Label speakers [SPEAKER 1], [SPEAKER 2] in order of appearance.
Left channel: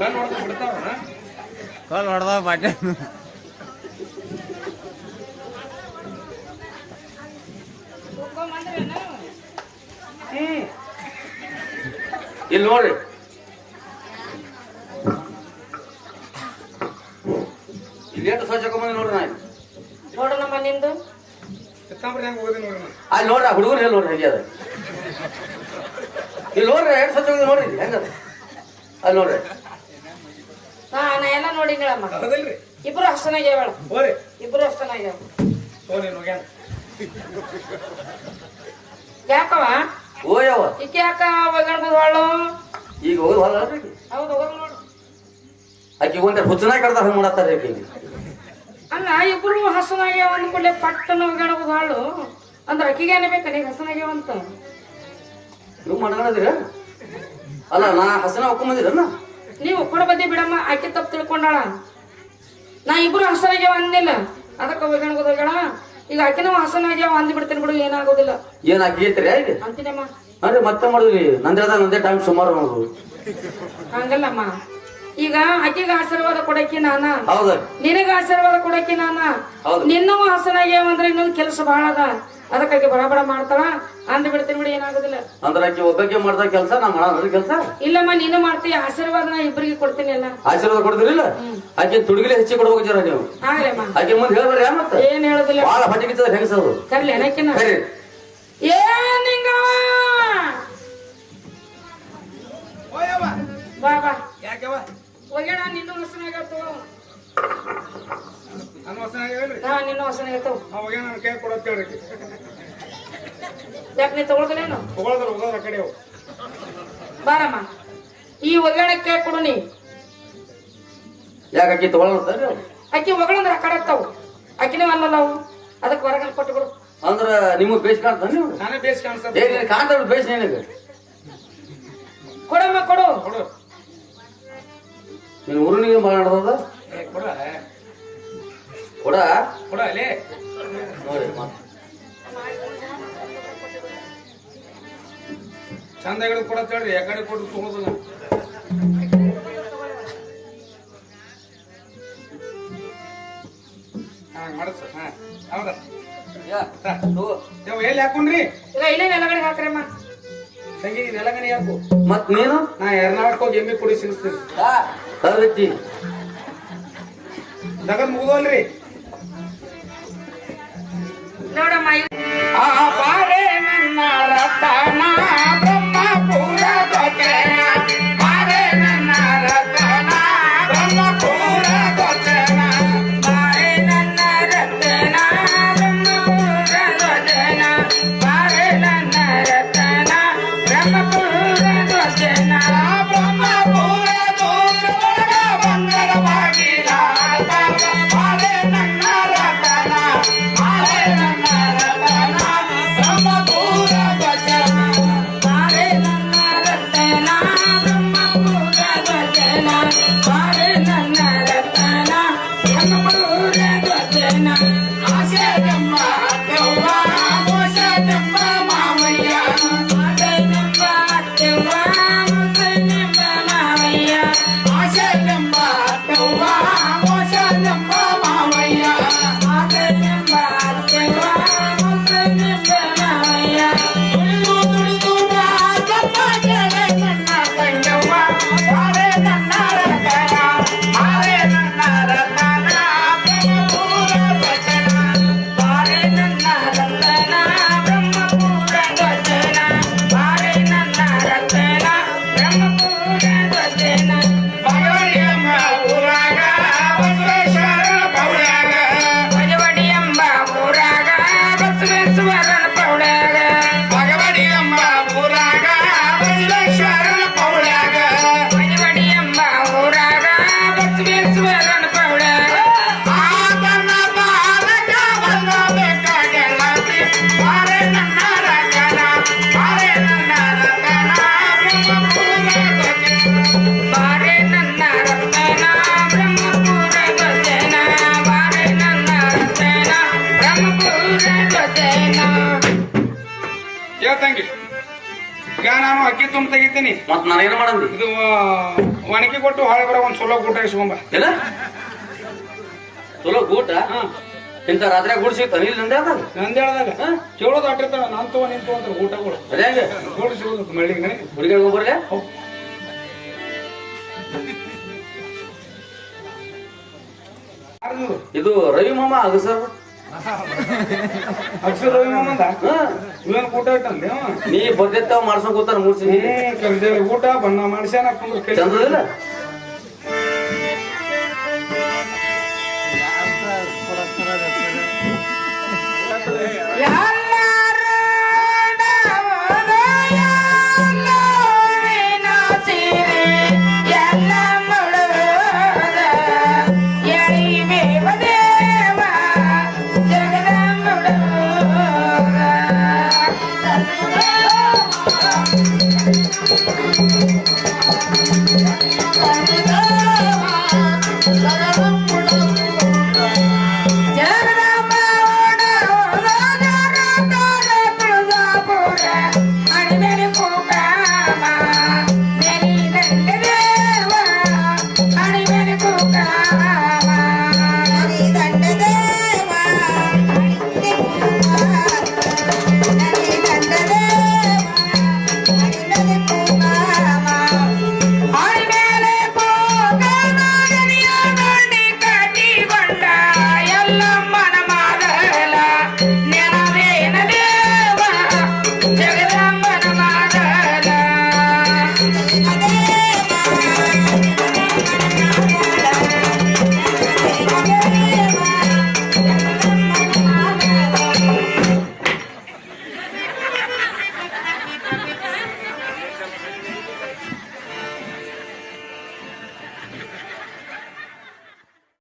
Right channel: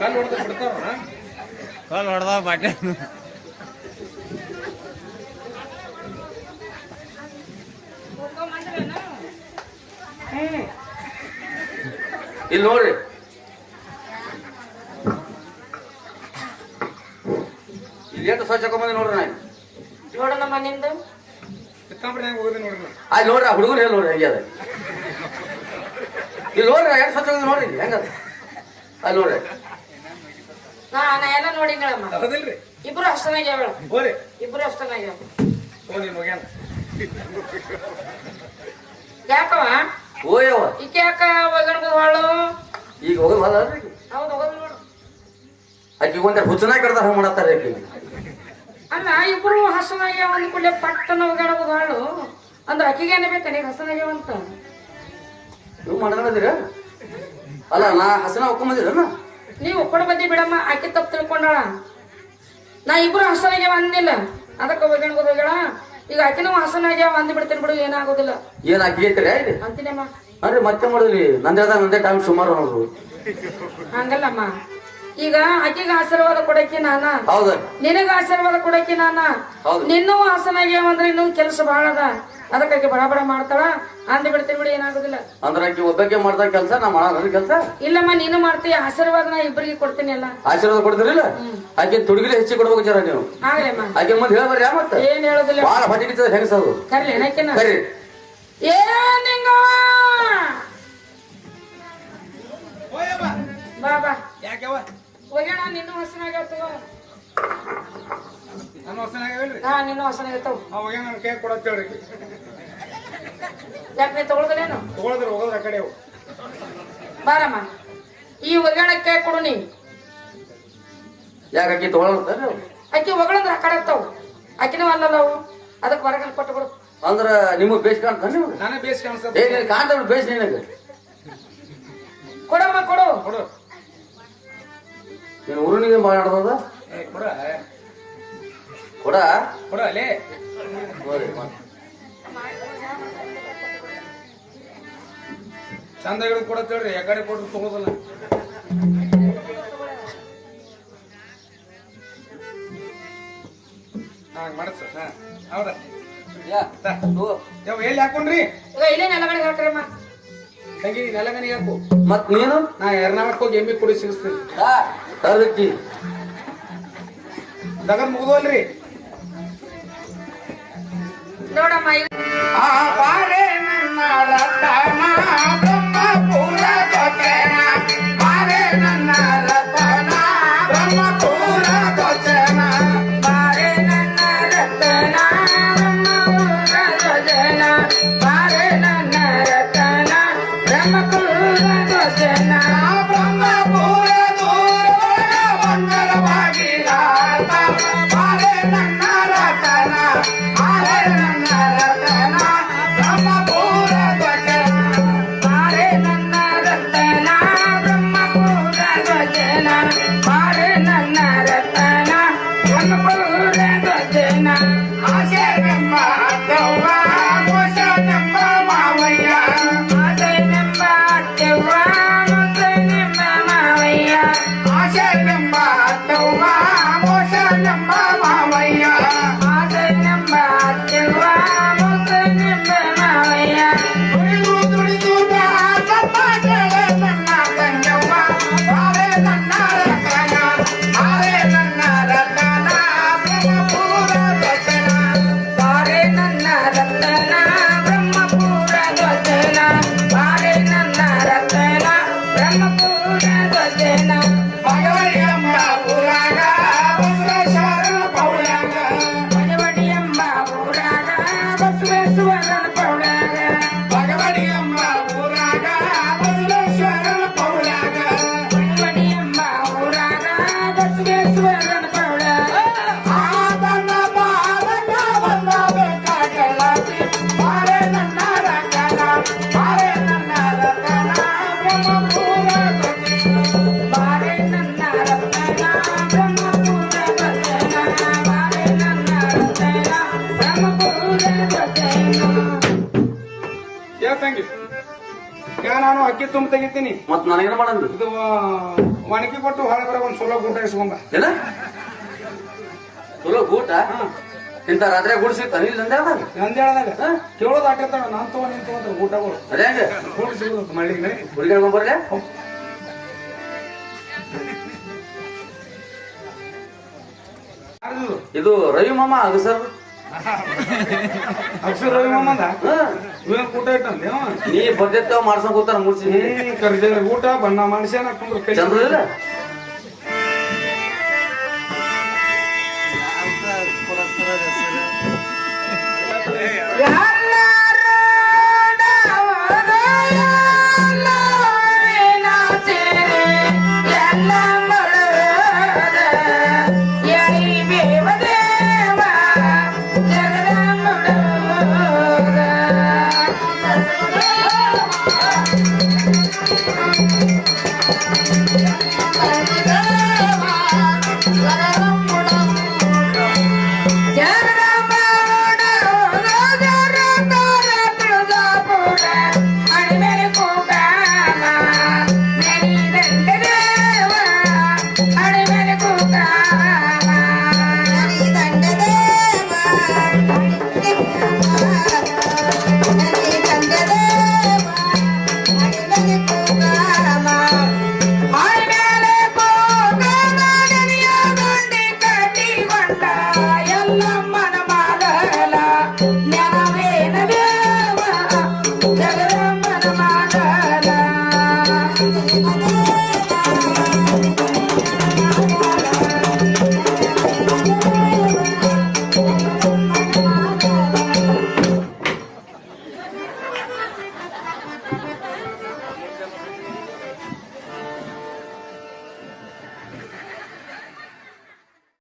[SPEAKER 1] ಕಲ್ ಹೊಡೆದ
[SPEAKER 2] ಬಟ್ಟೆ ಇಲ್ಲಿ ನೋಡ್ರಿ. ಇಲ್ಲಿ ಎಷ್ಟು ಸ್ವಚ್ಛ ಹಾಕೊಂಬಂದೆ ನೋಡ್ರಿ ನಾ
[SPEAKER 3] ನೋಡೋಣಮ್ಮ ನಿಂದು.
[SPEAKER 2] ಹೆಂಗ್
[SPEAKER 3] ಅಲ್ಲಿ ನೋಡ್ರಿ ಆ ಹುಡುಗರು ಹೇಳಿ ನೋಡ್ರಿ ಹಂಗೆ ಅದ. ಇಲ್ಲಿ ನೋಡ್ರಿ ಎಷ್ಟು ಸ್ವಚ್ಛ ನೋಡ್ರಿ ಹೆಂಗದ? ಅಲ್ಲಿ ನೋಡ್ರಿ.
[SPEAKER 4] ಹಾ ನಾ ಎಲ್ಲ ನೋಡಿಗಳಮ್ಮ
[SPEAKER 2] ಹೌದಿಲ್ರಿ
[SPEAKER 4] ಇಬ್ರು ಅಷ್ಟನಾಗ್ಯಾವ
[SPEAKER 2] ಹೋರಿ.
[SPEAKER 4] ಇಬ್ರು ಅಷ್ಟನಾಗ್ಯಾವ
[SPEAKER 2] ಓ ನೀನು ಹೋಗ್ಯಾನ.
[SPEAKER 4] ಯಾಕವ
[SPEAKER 3] ಓ ಯಾವ
[SPEAKER 4] ಈಕೆ ಯಾಕ ಒಗಣ್ಬದ್ವಾಳು
[SPEAKER 3] ಈಗ ಹೋಗೋದು
[SPEAKER 4] ಹೌದು ಹೋದ್ ನೋಡು.
[SPEAKER 3] ಆಕಿ ಒಂದ ಹುಚ್ಚನ ಕಡ್ದ ಹಂಗ ಮಾಡತ್ತಾರೆ ಆಕಿ
[SPEAKER 4] ಅಲ್ಲ ಇಬ್ರು ಹಸನಾಗ್ಯಾವ ಅಂದ್ಕೊಳ್ಳಿ ಪಟ್ಟನ ಒಗಣಬದ್ವಾಳು ಅಂದ್ರೆ ಅಕ್ಕಿಗೆ ಏನ್ಬೇಕ ನೀವ್ ಹಸನಾಗ್ಯಾವ ಅಂತ
[SPEAKER 3] ನೀವು ಮಾಡ್ಕೊಂಡಿದ್ದೀರ ಅಲ್ಲ ನಾ ಹಸನ ಹಾಕೊಂಬಂದಿರನ್ನ
[SPEAKER 4] ನೀವು ಕೊಡ ಬಂದಿ ಬಿಡಮ್ಮ ಆಕೆ ತಪ್ಪು ತಿಳ್ಕೊಂಡಾಳ. ನಾ ಇಬ್ರು ಹಸನಾಗ್ಯಾವ ಅಂದಿಲ್ಲ ಅದಕ್ಕೆ ಹೋಗ್ಯಾಳ. ಈಗ ಆಕಿನೂ ಹಸನಾಗ್ಯಾವ ಅಂದ್ ಬಿಡ್ತೀನಿ ಬಿಡು ಏನಾಗೋದಿಲ್ಲ.
[SPEAKER 3] ಏನ್ ಈಗ
[SPEAKER 4] ಅಂತೀನಮ್ಮ
[SPEAKER 3] ಅದೇ ಮತ್ತೆ ಮಾಡಿದ್ರಿ? ನಂದೇ ನಂದೇ ಟೈಮ್ ಸುಮಾರು
[SPEAKER 4] ಹಂಗಲ್ಲಮ್ಮ. ಈಗ ಆಕೆಗೆ ಆಶೀರ್ವಾದ ಕೊಡಕ್ಕೆ ನಾನ?
[SPEAKER 3] ಹೌದ.
[SPEAKER 4] ನಿನಗ ಆಶೀರ್ವಾದ ಕೊಡಕ್ಕೆ ನಾನ?
[SPEAKER 3] ಹೌದು.
[SPEAKER 4] ನಿನ್ನೂ ಹಾಸನಾಗ್ಯಾವ ಅಂದ್ರೆ ಇನ್ನೂ ಕೆಲಸ ಬಹಳ ಅದ. ಅದಕ್ಕಾಗಿ ಬಡ ಬಡ ಮಾಡ್ತಾಳ. ಅಂದ್ರೆ ಬಿಡ್ತೀನಿ ಬಿಡಿ ಏನಾಗುದಿಲ್ಲ.
[SPEAKER 3] ಅಂದ್ರೆ ಆಕೆ ಒಬ್ಬಕ್ಕೆ ಮಾಡ್ದ ಕೆಲಸ ನಾ ಮಾಡೋಣ ಕೆಲಸ?
[SPEAKER 4] ಇಲ್ಲಮ್ಮ ನೀನು ಮಾಡ್ತೀಯ ಆಶೀರ್ವಾದ ನಾ ಇಬ್ಬರಿಗೆ ಕೊಡ್ತೀನಿ ಅಲ್ಲ.
[SPEAKER 3] ಆಶೀರ್ವಾದ ಕೊಡ್ತಿರಿಲ್ಲ? ಆಕೆ ತುಡುಗಿಲೆ ಹೆಚ್ಚಿ ಕೊಡ್ಬೇಕು ಜರ ನೀವು.
[SPEAKER 4] ಆಗ್ಲಮ್ಮ
[SPEAKER 3] ಆಕೆ ಮುಂದೆ ಹೇಳ್ಬಾರ ಮತ್ತೆ?
[SPEAKER 4] ಏನ್ ಹೇಳುದಿಲ್ಲ.
[SPEAKER 3] ಬಹಳ ಹೊಟ್ಟಿಗೆ ಹೆಂಗಸದು
[SPEAKER 4] ಕರ್ಲಿ ಏನಕ್ಕಿನ
[SPEAKER 3] ಸರಿ
[SPEAKER 4] ಏನ್ ನಿಂಗ! ಬಾ ಬಾ.
[SPEAKER 2] ಯಾಕೆವ
[SPEAKER 4] ಹೋಗ್ಯಾಳ ನಿನ್ನೂ ಹಸನಾಗತ್ತವ
[SPEAKER 2] ನನ್ನ ಹೊಸನ ಹೇಳ್ರಿ.
[SPEAKER 4] ಹಾ ನಿನ್ನೂ ಹಸನಾಗತ್ತವ
[SPEAKER 2] ಅವಾಗ ನನ್ನ ಕೈ ಕೊಡಕ್ ಹೇಳ್ರಿ
[SPEAKER 4] ಯಾಕೆ ನೀ ತಗೊಳ್ದಲೇನು
[SPEAKER 2] ತಗೊಳದ್ರ ಹೋಗೋದ್ರ ಆ ಕಡೆ ಅವು.
[SPEAKER 4] ಬಾರಮ್ಮ. ಈ ಒಗ್ಯಾಣಕ್ಕೆ ಕೊಡು ನೀ.
[SPEAKER 3] ಯಾಕೆ ಅಕ್ಕಿ ತಗೊಳಂತಾರ್ರಿ ಅವ್ರು?
[SPEAKER 4] ಅಕ್ಕಿ ಒಗಳಂದ್ರ ಆ ಕಡೆ ಹತ್ತಾವು ಅಕ್ಕಿನೂ ಅಲ್ಲಲ್ಲ ಅವು. ಅದಕ್ಕೆ ಹೊರಗಡೆ ಕೊಟ್ಟು ಬಿಡು.
[SPEAKER 3] ಅಂದ್ರ ನಿಮಗ್ ಬೇಸ್ ಕಾಣ್ತಾನೆ ನೀವು?
[SPEAKER 2] ನಾನೇ ಬೇಸ್ ಕಾಣಿಸ್ತದೆ
[SPEAKER 3] ಕಾಣ್ತಾರ ಬೇಸ್ ನಿನಗೆ?
[SPEAKER 4] ಕೊಡಮ್ಮ ಕೊಡು.
[SPEAKER 2] ಕೊಡು.
[SPEAKER 3] ನೀನು ಊರಿನಿಗೆ
[SPEAKER 2] ಏ ಕೊಡ.
[SPEAKER 3] ಕೊಡ?
[SPEAKER 2] ಕೊಡ ಅಲ್ಲೇ. ಚಂದಗಳು ಕೊಡತ್ ತೇಳ್ರಿ ಆ ಕಡೆ ಕೊಟ್ಟು ತಗೋದಲ್ಲ. ಹಾಂ ಮಾಡಸ್. ಹಾ ಹೌದಾ
[SPEAKER 3] ಯಾ, ತಗೋ.
[SPEAKER 2] ನೀವು ಎಲ್ಲಿ ಹಾಕೊಂಡ್ರಿ?
[SPEAKER 4] ಈಗ ಇಲ್ಲೇ ನೆಲಗಡೆ ಹಾಕ್ರಮ್ಮ
[SPEAKER 2] ತಂಗಿ ನೀನ್ ಎಲ್ಲಗನೆ ಹಾಕು.
[SPEAKER 3] ಮತ್ ನೀನು?
[SPEAKER 2] ನಾ ಎರಡು ಮಾಡ್ಕೊಂಡು ಎಮ್ಮಿ ಕುಡಿ ಸಿಗಿಸ್ತೀನಿ.
[SPEAKER 3] ಕಳ್ದೈತಿ.
[SPEAKER 2] ದಗದ್ ಮುಗಿದೋಲ್ರಿ
[SPEAKER 4] ನೋಡಮ್ಮ
[SPEAKER 2] Amen. ಈಗ ನಾನು ಅಕ್ಕಿ ತುಂಬ ತೆಗಿತೀನಿ.
[SPEAKER 3] ಮತ್ ನಾನೇನು ಮಾಡಂದಿ?
[SPEAKER 2] ಇದು ಒಣಗಿ ಕೊಟ್ಟು ಹೊಳೆ ಬರೋ ಒಂದ್ ಚಲೋ ಊಟ ಇಸ್ಕೊಂಬ.
[SPEAKER 3] ಇಲ್ಲ ಚಲೋ ಊಟ ಇಂತ ರಾತ್ರಿ ಗುಡ್ ತನಿಲ್ ಇಲ್ಲಿ ನಂದ
[SPEAKER 2] ಕೇಳೋದು ಆಟಿರ್ತಾವ ನಾನ್ ತಗೋ ನಿಂತು ತಗೊಂತ ಊಟಗಳು
[SPEAKER 3] ಅದೇ ಹಂಗೆ?
[SPEAKER 2] ಕೂಡಿ ಸಿಗೋದು ಮಳ್ಳಿಗೆ
[SPEAKER 3] ಹುಡುಗಿ ಬರ್ಲೆ? ಇದು ರವಿ ಮಾಮ ಅದು ಸರ್? ನೀ ಬಗ್ಗೆತ್ತಾವ ಮಾಡ್ಸೋಕ್ ಕೂತಾರ ಮೂರ್ಸಿ
[SPEAKER 2] ಊಟ ಬಣ್ಣ ಮನುಷ್ಯನ
[SPEAKER 3] ಚಂದ್ರ
[SPEAKER 1] ಎಲ್ಲ ಮಳ ಯಾರಿ
[SPEAKER 4] ಬೇವದೇ